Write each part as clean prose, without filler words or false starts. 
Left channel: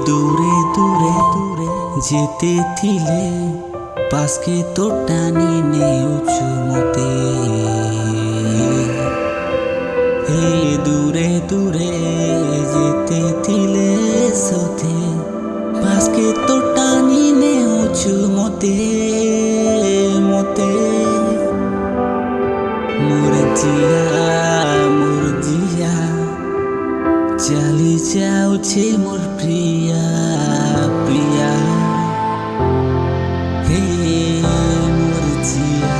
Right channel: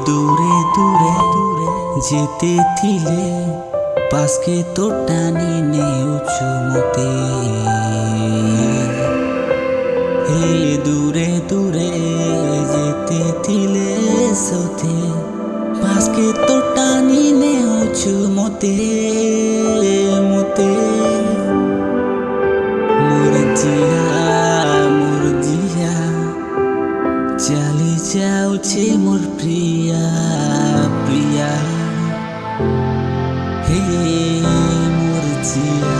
দূরে দূরে দূরে যেতে থিলে পাশকে তো টানি নেউছু মতে হে দূরে দূরে যেতে থিলে সথে পাশকে তো টানি নেউছু মতে মতে মোর জিয়া চালি যাউছে মোর প্রিয়া প্রিয়া হে মোর জিয়া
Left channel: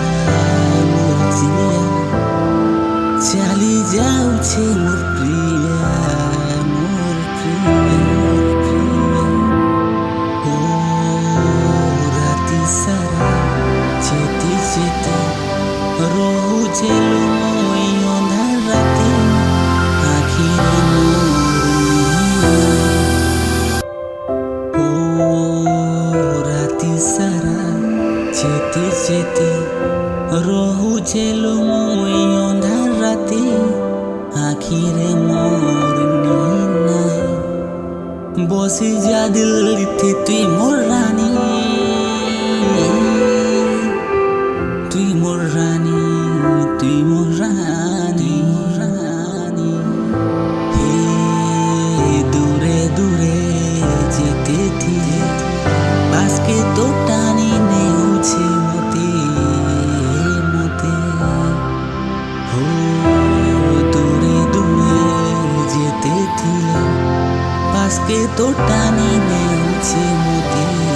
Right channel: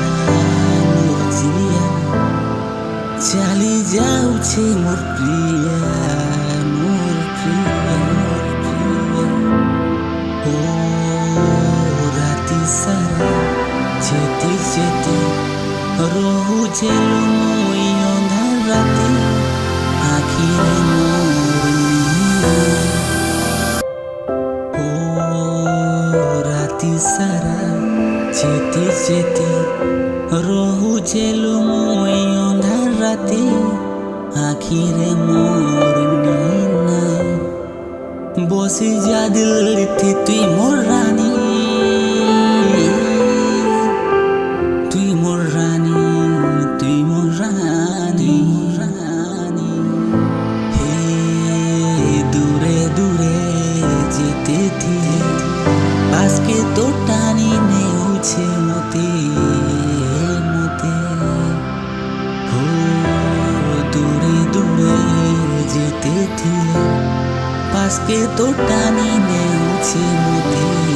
চালি যাউছে মোর প্রিয়া মোর প্রিয়া মোর প্রিয়া ও রাতি সারা যেতে যেতে রহুছে মই অন্ধার রাতে আখিরে মোর ও রাতি সারা যেতে যেতে রহুছে মই অন্ধার রাতে আখিরে মোর নাই বসে যা দিল্লিতে তুই মোর রানী তুই মোর রানী তুই মোর রানী রানী হে দূরে দূরে যেতে থিলে পাশকে তো টানি নেউছে মতে মতে হো দূরে দূরে যেতে থিলে পাশকে তো টানি নেউছে মতে